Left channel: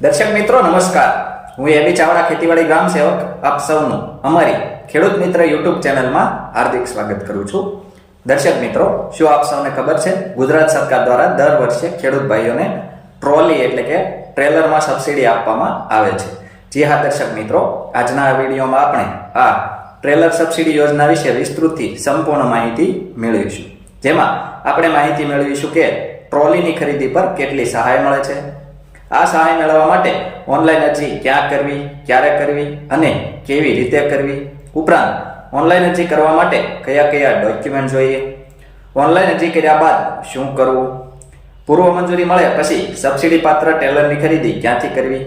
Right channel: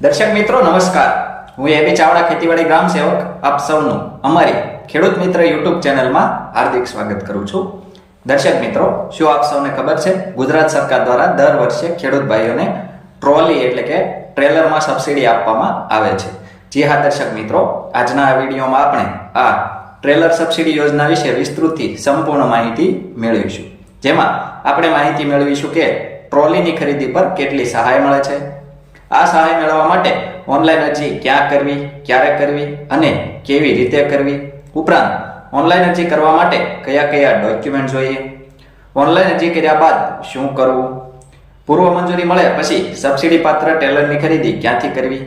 દર્શક મિત્રો નમસ્કાર, હું એબી ચાવડા ખેતીવાડી ગ્રામ સેવક આપ સૌનું અમારી ખેડૂત મિત્ર યુટ્યુબ ચેનલમાં હાર્દિક સ્વાગત કરું છું। દર્શક મિત્રો, શું આપ સૌને ખબર છે ગુજરાત સરકાર દ્વારા દર વર્ષે ખેડૂત ભાઈઓને ટ્રોલી એટલે કે ટ્રેલરમાં સબસિડી આપવામાં આવે છે। જી હા દર્શક મિત્રો, આજના આ વિડીયોમાં આપણે આ ટ્રેલર સબસિડી યોજના વિશે વિસ્તૃતથી સંપૂર્ણ માહિતી મેળવીશું, જેમાં આપણે માહિતી મેળવીશું કે ટ્રોલીની ખરીદી પર કેટલી સહાય મળે છે, આ સહાય મેળવવા માટે ઓનલાઈન અરજી ક્યાં કરવી, ક્યારે કરવી અને કેવી રીતે કરવી, ઉપરાંત ઓનલાઈન અરજી કરવા માટે કયા કયા ડોક્યુમેન્ટ જોઈએ, ઓનલાઈન અરજી કર્યા બાદ શું કરવું, પૂર્વ મંજૂરી મળે પછી સબસિડી પાત્ર ટેલરની ખરીદી ક્યાંથી કરવી,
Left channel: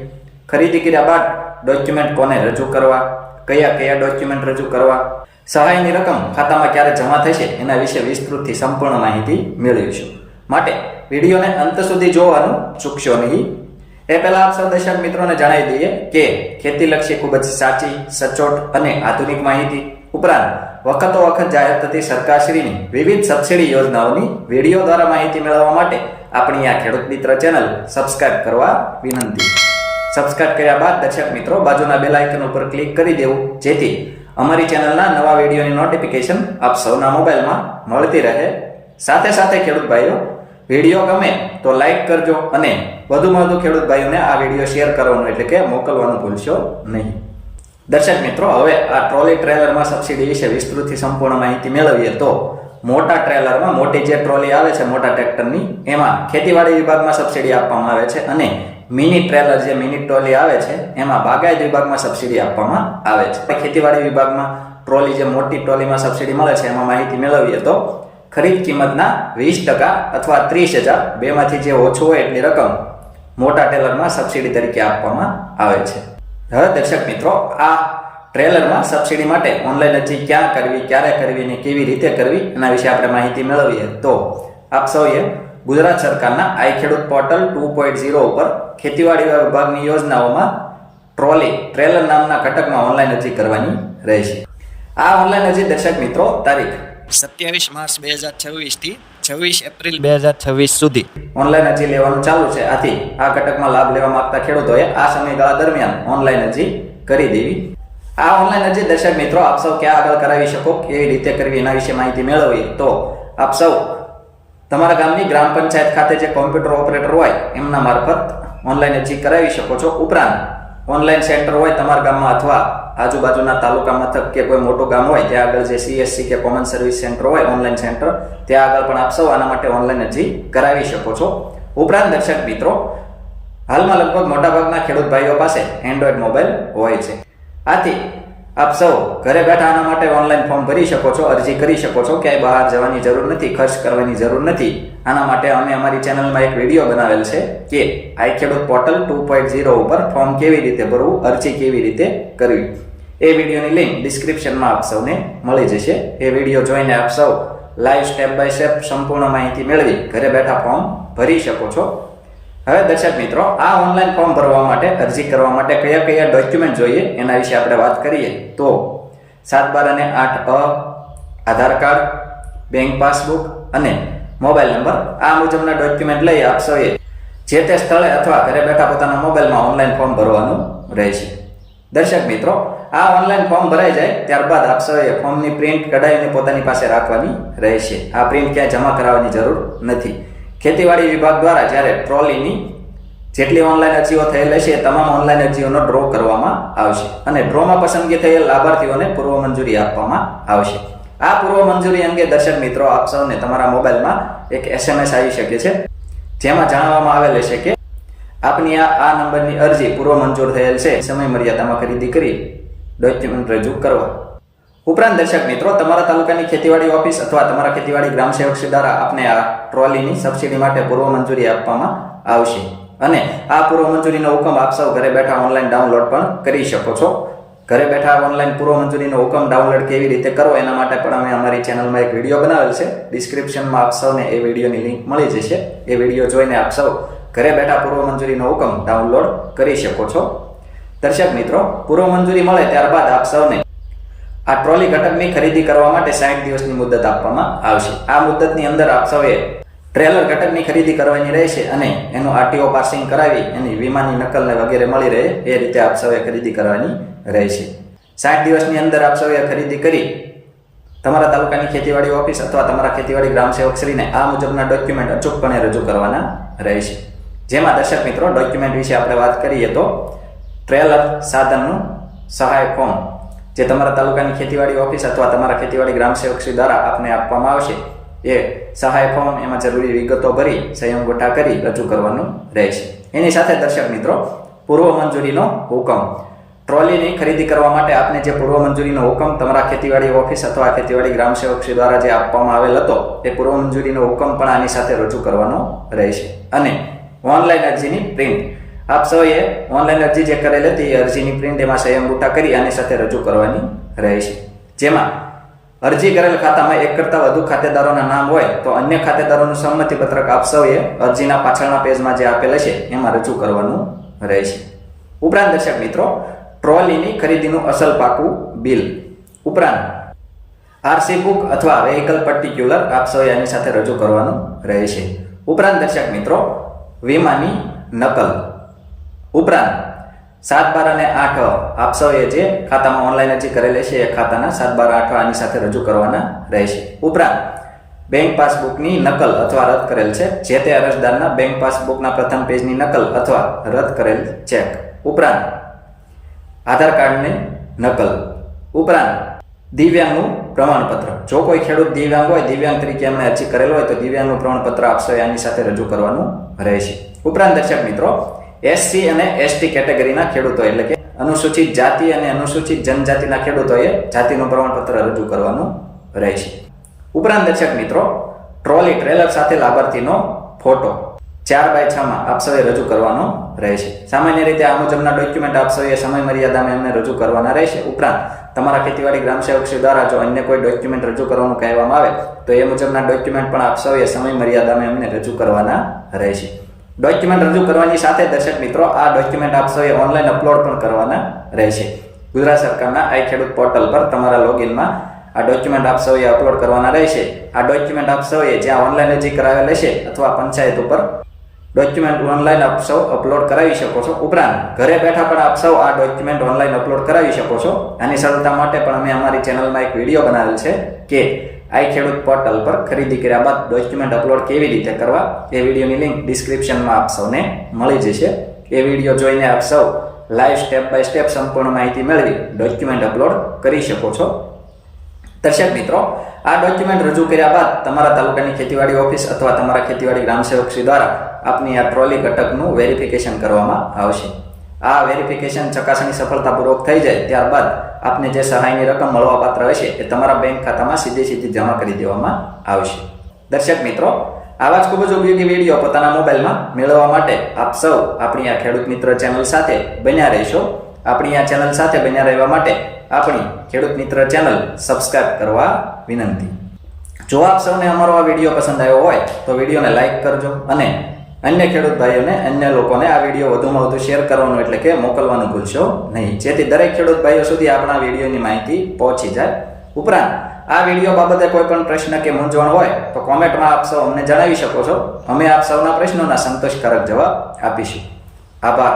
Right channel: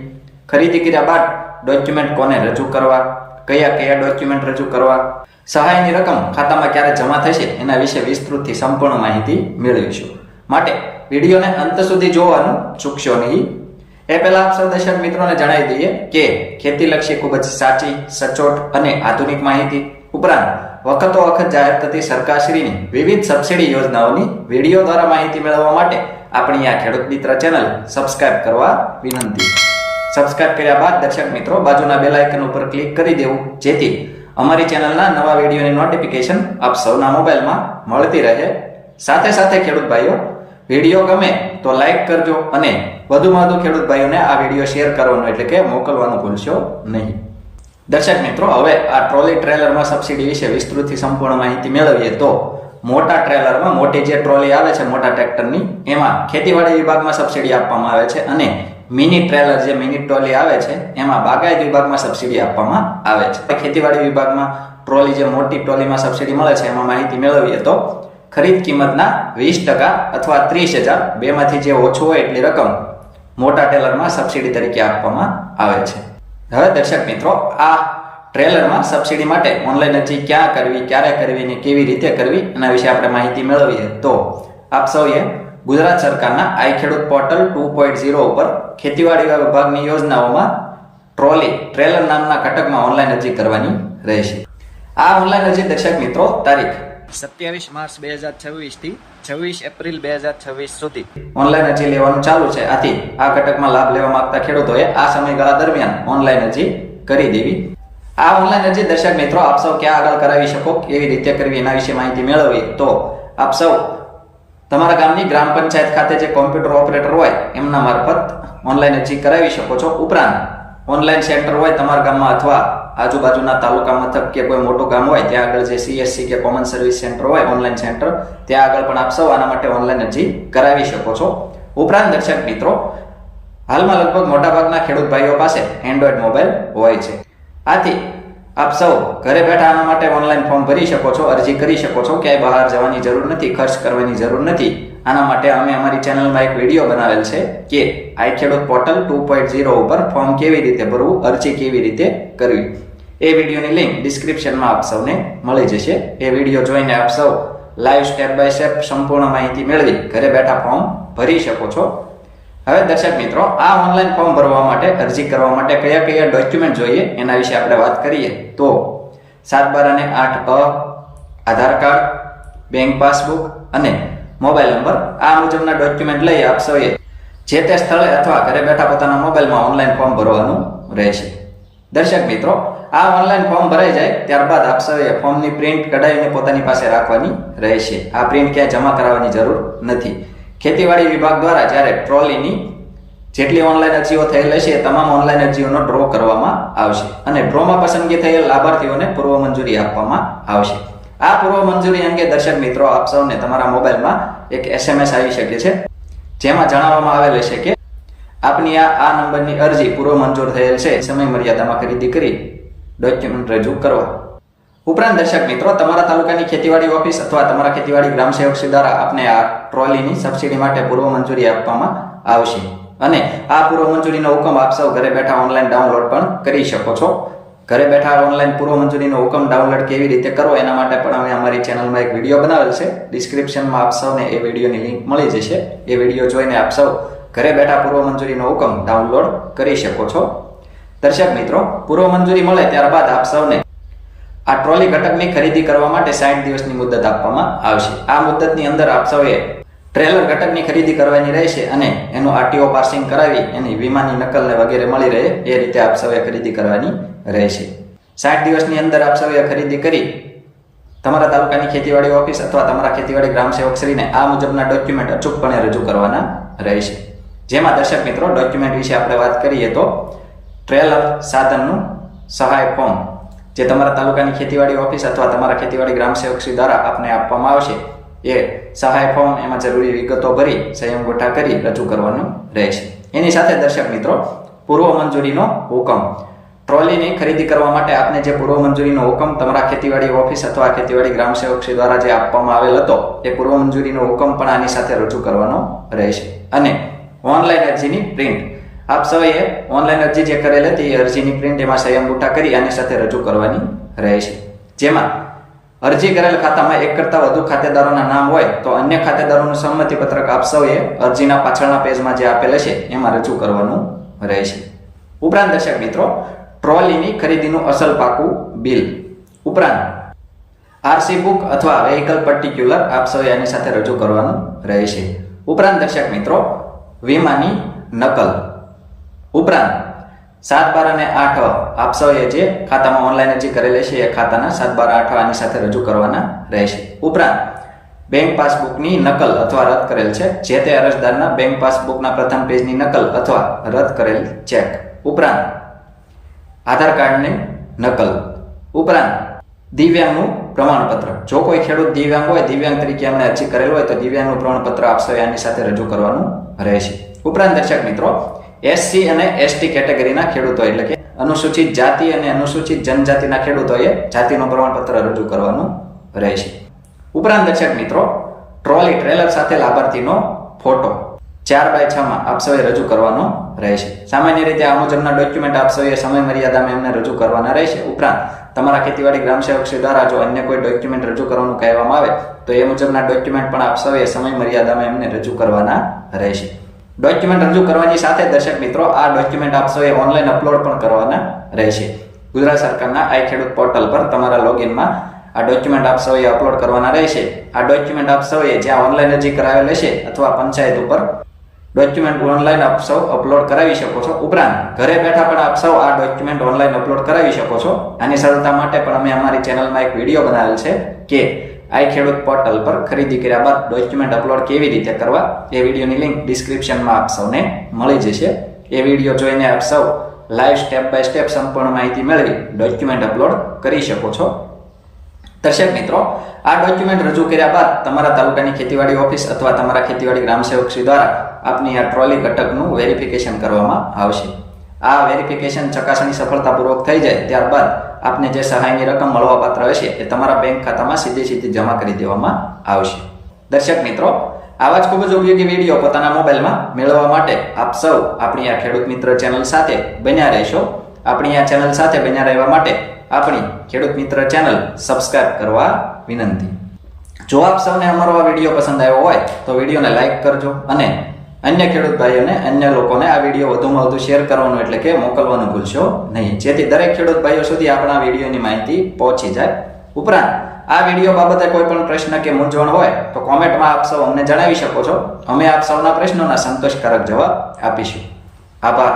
ખરીદી કર્યા બાદ ડોક્યુમેન્ટ કોને રજૂ કરવા, કયા કયા ડોક્યુમેન્ટ રજૂ કરવા, સહાયની રકમ ખાતામાં ક્યારે જમા થશે એના વિશે વિસ્તૃતથી સંપૂર્ણ માહિતી મેળવીશું। માટે વિડીયોને અંત સુધી જોવાનું ચૂકશો નહીં। એ પહેલા આપ સૌ દર્શક મિત્રોને જણાવી દઈએ કે ખેતીલક્ષી ખૂબ જ સાચી, સચોટ અને આધુનિક માહિતી, ઉપરાંત વખતો વખત જાહેર થતી સરકારશ્રીની વિવિધ સબસિડી યોજનાઓની વિડીયો દ્વારા માહિતી મેળવવા માટે આપણી આ ખેડૂત મિત્ર ચેનલ સબસ્ક્રાઇબ કરવા વિનંતી। સબસ્ક્રાઇબ કર્યા બાદ દર્શક મિત્રો બાજુના બેલ આઇકન ઉપર ક્લિક કરી દેવું, જેથી અમારી ચેનલના નવા વિડીયોની નોટિફિકેશન આપ સૌના મોબાઈલમાં મળતી રહે। સાથે સાથે ખેડૂત ભાઈઓ, વિડીયો ગમે તો લાઈક કરજો અને વધુમાં વધુ ખેડૂત ભાઈઓને આ વિડીયો શેર કરવાનો એટલે કે મોકલવાનું ભૂલશો નહીં। દર્શક મિત્રો, હવે આ ટ્રોલી ટ્રેલરમાં સબસિડી વિશે વિસ્તૃતથી સંપૂર્ણ માહિતી મેળવીએ તો મોટા ટ્રેલરમાં મોટી જે ટ્રોલી આવે છે મોટા ટ્રેક્ટરની, એમાં ખેતીવાડી વિભાગમાં સબસિડી આપવામાં આવે છે અને મિની ટ્રેલર જે મિની ટ્રોલી આવે છે એમાં બાગાયત વિભાગમાં સબસિડી આપવામાં આવે છે। ખેતીવાડી વિભાગમાં ટ્રોલી જે મોટી ટ્રોલીમાં સબસિડી મળે છે એમાં માહિતી મેળવીએ તો ખરીદ કિંમતના 20% અથવા 30,000 બેમાંથી જે ઓછું હોય એટલી રકમ મોટા ટ્રેલરમાં સબસિડી તરીકે આપવામાં આવે છે। હવે દર્શક મિત્રો, આ ટ્રેલરમાં સબસિડી માટે ઓનલાઈન અરજી ક્યાં કરવી, ક્યારે કરવી ને કેવી રીતે કરવી એના વિશે આપણે માહિતી મેળવીએ તો આપ સૌએ ગુજરાત સરકારના આઈ ખેડૂત પોર્ટલ 2.0 ઉપર ખેતીવાડી વિભાગની યોજનાઓમાં ટ્રોલી ટ્રેલર નામના ઘટકમાં ઓનલાઈન અરજી કરવાની રહેશે। આ ઓનલાઈન અરજી દર્શક મિત્રો તારીખ 27 માર્ચ 2026 થી 26 એપ્રિલ 2026 સુધી ઓનલાઈન અરજી લેવાનું ચાલુ છે। આથી આ ઘટકમાં લાભ લેવા માંગતા ખેડૂતોએ આ સમયગાળા દરમિયાન ઓનલાઈન અરજી કરી દેવી। આ ઓનલાઈન અરજી દર્શક મિત્રો આપ સૌ ક્યાં આગળ કરાવી શકો, કેવી રીતે કરવી એના વિશે માહિતી મેળવી તો આપ સૌ તમારા ગામની ગ્રામ પંચાયત ખાતે જે કોમ્પ્યુટર ઓપરેટર હોય એમના મારફત ઓનલાઈન અરજી કરાવી શકો છો। ઉપરાંત ઓનલાઈન સેન્ટર હોય તમારા ગામમાં અથવા આજુબાજુના તાલુકા મથક કે કોઈ મોટું ગામ હોય ત્યાં આગળ જે CSC કે કોમન સર્વિસ સેન્ટર હોય ઓનલાઈન સેન્ટર, ત્યાં આગળ પણ આપ સૌ આના માટે ઓનલાઈન અરજી કરાવી શકો છો। ઉપરાંત દર્શક મિત્રો, હાલમાં લગભગ મોટાભાગના ખેડૂત ભાઈઓ પાસે એન્ડ્રોઈડ મોબાઈલ હોય છે, આથી આપ સૌ ઘરે બેઠા આના માટે ઓનલાઈન ફોર્મ ભરી શકો છો, અરજી કરી શકો છો, ક્યાંય બહાર જવાની જરૂર નથી, ખર્ચ કરવાની જરૂર નથી। આના માટે અમે અમારી ચેનલમાં એક વિડીયો બનાવેલ છે કે આઈ ખેડૂત પોર્ટલ 2.0 ઉપર ફોર્મ કેવી રીતે ભરવું, અરજી કેવી રીતે કરવી। એ વિડીયોની લિંક ડિસ્ક્રિપ્શનમાં આપ સૌને મળી જશે। એ વિડીયો જોઈને આપ સૌ લાઈવ સ્ટેપ બાય સ્ટેપ સંપૂર્ણ માહિતી મેળવી ઘરે બેઠા ફોર્મ ભરી શકો છો। હવે દર્શક મિત્રો, આ ઓનલાઈન ફોર્મ ભરવા માટે, અરજી કરવા માટે કયા કયા ડોક્યુમેન્ટ જોઈએ એના વિશે આપણે વાત કરીએ તો 7/12 અને 8A, આધાર કાર્ડ, બેંક પાસબુક અને મોબાઈલ નંબર, આ મુજબના ડોક્યુમેન્ટ લઈ આપ સૌએ જે તે સ્થળે અથવા ઘરે બેઠા પોતાના મોબાઈલમાં ઓનલાઈન ફોર્મ ભરવાનું રહેશે। દર્શક મિત્રો, આ ઓનલાઈન ફોર્મ ભરાઈ જાય ત્યારબાદ આપ સૌએ ફોર્મની પ્રિન્ટ કઢાવીને પોતાની પાસે રાખવાની રહેશે। આ પ્રિન્ટ ક્યાંય જમા કરાવવાની જરૂર નથી। ખેતીવાડી વિભાગ દ્વારા જ્યારે ટ્રોલીની જેટલી ઓનલાઈન અરજીઓ થયેલ હશે તમામ ઓનલાઈન અરજીઓનો ડ્રો કરવામાં આવશે અને ડ્રોમાં પસંદગી થયેલ લાભાર્થીઓને પૂર્વ મંજૂરી આપવામાં આવશે। આ પૂર્વ મંજૂરી અંગે દર્શક મિત્રો આપ સૌને તમારા મોબાઈલમાં એક SMS આવી શકે છે, જેમાં જણાવવામાં આવેલ હશે કે આપની આ નંબરની અરજી પૂર્વ મંજૂર થયેલ છે, સમય મર્યાદામાં ખરીદી કરી ડોક્યુમેન્ટ રજૂ કરવા। ઉપરાંત દર્શક મિત્રો, તમારા તાલુકાની ખેતીવાડી ઓફિસ અથવા તમારા ખેતીવાડી ગ્રામ સેવક દ્વારા આપને આ ટ્રોલીની સબસિડી માટે પૂર્વ મંજૂરી આપવામાં આવશે અને આ પૂર્વ મંજૂરીનો હુકમ આપ સૌ ઘરે બેઠા ઓનલાઈન ડાઉનલોડ પણ કરી શકો છો। ઘરે બેઠા ઓનલાઈન પૂર્વ મંજૂરીનો હુકમ ડાઉનલોડ કેવી રીતે કરવો એના માટે પણ અમે અમારી ચેનલમાં એક વિડીયો બનાવેલ છે, ડિસ્ક્રિપ્શનમાં આપ સૌને એ વિડીયોની લિંક મળી જશે। એ વિડીયો જોઈને આપ સૌ ઘરે બેઠા પૂર્વ મંજૂરીનો હુકમ ડાઉનલોડ કરી શકો છો। દર્શક મિત્રો, પૂર્વ મંજૂરી મળે ત્યારબાદ આપ સૌને આ ટ્રોલી ઘટકની ખરીદી કરવા માટે 60 દિવસની મુદત આપવામાં આવશે। આ મુદતની અંદર આપ સૌએ ટ્રેલર ઘટકની ખરીદી કરવાની રહેશે અને એનું આરટીઓ પાસિંગ કરાવી એની વીમાની નકલને વગેરે મળી રહે એ રીતે આપ સૌએ ખરીદી કરવાની રહેશે. 60 દિવસની અંદર આપ સૌએ ખરીદી કરી તમારા તાલુકાની ખેતીવાડી ઓફિસ અથવા તમારા ખેતીવાડી ગ્રામ સેવકશ્રીને આ મુજબના ડોક્યુમેન્ટ અચૂકપણે રજૂ કરવાના રહેશે. જેમાં દર્શક મિત્રો ડોક્યુમેન્ટ વિશે આપણે વાત કરીએ તો ટ્રેલર સાધનનું સહાય ફોર્મ જે તમારા તાલુકાની ખેતીવાડી ઓફિસ અથવા તમારા ખેતીવાડી ગ્રામ સેવકશ્રી દ્વારા આપને આપવામાં આવશે એ સહાય ફોર્મ એમાં જરૂરી વિગતો ભરી સહી અંગૂઠા કરી રજૂ કરવાનું રહેશે. એની સાથે દર્શક મિત્રો પૂર્વ મંજૂરીનો હુકમ ટ્રોલીની ખરીદી કરવા માટે આપને જે પૂર્વ મંજૂરીનો હુકમ તમારા ખેતીવાડી ઓફિસ અથવા ખેતીવાડી ગ્રામ સેવકશ્રી દ્વારા જે આપવામાં આવેલ હતો એ પૂર્વ મંજૂરીનો હુકમ પણ આની સાથે રજૂ કરવાનો રહેશે. અને ઓનલાઈન અરજીની પ્રિન્ટ આપ સૌએ ઓનલાઈન અરજી જે કરેલ હતી એ અરજીની પ્રિન્ટ એમાં સહી અંગૂઠા કરી આની સાથે રજૂ કરવાની રહેશે. જેમાં અરજી કરેલ ખાતામાં એક કરતાં વધુ ખાતેદારોના નામ હોય તો અન્ય ખાતેદારોનું સંમતિ પત્રક આપ સૌએ અરજીના પાછળના પેજમાં જે આપેલ છે એમાં રજૂ કરવાનું રહેશે. ઉપરાંત દર્શક મિત્રો ટ્રોલીની ખરીદીનું અસલ પાકું બિલ ઉપરાંત આરસી બુક અથવા વેહિકલ પર્ટિક્યુલર આપ સૌએ આની સાથે રજૂ કરવાનું રહેશે. ઉપરાંત દર્શક મિત્રો વીમાની નકલ ઉપરાંત 7, 12 અને 8 આપ સૌએ જે ખાતામાં ઓનલાઈન અરજી કરેલી છે એ ખાતાના 7, 12, 8 આની સાથે રજૂ કરવાના રહેશે. ઉપરાંત બેંક પાસબુકની નકલ અથવા રદ કરેલ છે જે તે અરજદારના બેંક પાસબુકના પ્રથમ પેજની નકલ અથવા રદ કરેલ ચેક. ઉપરાંત આધાર કાર્ડની નકલ ઉપરાંત દિવ્યાંગનું પ્રમાણપત્ર જો કોઈ ખેડૂત દિવ્યાંગ હોય દિવ્યાંગ તરીકે એમણે અરજી કરેલ હોય તો દિવ્યાંગનું પ્રમાણપત્ર આપ સૌએ આની સાથે રજૂ કરવાનું રહેશે. ઉપરાંત દર્શક મિત્રો એસસી અને એસટી કેટેગરીના ખેડૂતો એટલે કે અનુસૂચિત જાતિ અને અનુસૂચિત જનજાતિના ખેડૂતોએ જાતિનું પ્રમાણપત્ર રજૂ કરવાનું રહેશે. ઉપરાંત દર્શક મિત્રો ટ્રોલી ટ્રેલર સાથે લાભાર્થીનો ફોટો 4x6 માં આપ સૌએ રજૂ કરવાનો રહેશે. સામાન્ય રીતે આ મુજબના ડોક્યુમેન્ટ આપ સૌએ સમય મર્યાદામાં એમને રજૂ કરવાના રહેશે. ઉપરાંત તમારા ખેતીવાડી ગ્રામ સેવકશ્રી દ્વારા જો અન્ય કોઈ ડોક્યુમેન્ટ રજૂ કરવાનું કહેવામાં આવે તો એ મુજબના ડોક્યુમેન્ટ પણ આપ સૌએ સમય મર્યાદામાં એમને રજૂ કરવાના રહેશે. ડોક્યુમેન્ટ રજૂ કરવાની સાથે દર્શક મિત્રો આ ડોક્યુમેન્ટ આપ સૌએ ઓનલાઈન અપલોડ પણ કરવાના રહેશે. ગુજરાત સરકારના આઈ ખેડૂત પોર્ટલ પર તમારા લોગિનમાં આ ડોક્યુમેન્ટ આપ સૌએ અપલોડ કરવાના રહેશે. આ ડોક્યુમેન્ટ આપ સૌએ જ્યાં ઓનલાઈન અરજી કરાવેલ હશે અથવા પંચાયત ઉપર ડોક્યુમેન્ટ ઓનલાઈન આપ સૌ અપલોડ કરાવી શકો છો. ઉપરાંત ઘરે બેઠા પણ આપ સૌ આ ડોક્યુમેન્ટ ઓનલાઈન અપલોડ કરાવી શકો છો. આની સરળતા માટે પણ અમે અમારી ચેનલમાં એક વિડીયો બનાવેલ છે કે આઈ ખેડૂત પોર્ટલ પર ખરીદી કર્યા બાદ ડોક્યુમેન્ટ અપલોડ કેવી રીતે કરવા એ વિડીયોની લિંક ડિસ્ક્રિપ્શનમાં આપ સૌને મળી જશે. એ વિડીયો જોઈને આપ સૌ લાઈવ સ્ટેપ બાય સ્ટેપ સંપૂર્ણ માહિતી મેળવી ડોક્યુમેન્ટ અપલોડ કરી શકો છો. દર્શક મિત્રો આ ડોક્યુમેન્ટ રજૂ કર્યા બાદ તમારા તાલુકાની ખેતીવાડી ઓફિસ અથવા તમારા ખેતીવાડી ગ્રામ સેવકશ્રી દ્વારા આપની આ ટ્રોલી ઘટકનું વેરિફિકેશન કરવામાં આવશે. આ વેરિફિકેશન ચકાસણી સફળતાપૂર્વક થઈ જાય ત્યારબાદ આપને જે સહાયની રકમ મળવાપાત્ર હશે એ તમારા બેંક ખાતામાં સીધી જમા કરી દેવામાં આવશે. દર્શક મિત્રો આવા જ ખૂબ જ ઉપયોગી વિડીયો પોતાના મોબાઈલમાં મેળવવા માટે આપ સૌ આપણી આ ખેડૂત મિત્ર ચેનલ સાથે બન્યા રહેશો. આપણી આ ચેનલ સાથે બન્યા રહેવા માટે આપણી ખેડૂત મિત્ર ચેનલ સબસ્ક્રાઇબ કરવા વિનંતી. જો આપ સૌને અમારો આ વિડીયો પસંદ આવ્યો હોય તો વિડીયોને લાઇક કરજો અને અન્ય ખેડૂત ભાઈઓને અન્ય લોકોને આ વિડીયો વધુમાં વધુ શેર કરવાનું એટલે કે મોકલવાનું ભૂલશો નહીં, જેથી દરેક ખેડૂત ભાઈઓ સુધી આપણા વિડીયોની માહિતી પહોંચી જાય. ઉપરાંત આ વિડીયો બાબતે કોઈ પણ પ્રશ્ન કે મૂંઝવણ હોય તો કોમેન્ટમાં આપ સૌ અમને જણાવી શકો છો. અમે આપ સૌના પ્રશ્નોના સંતોષકારક જવાબ આપીશું. આભાર.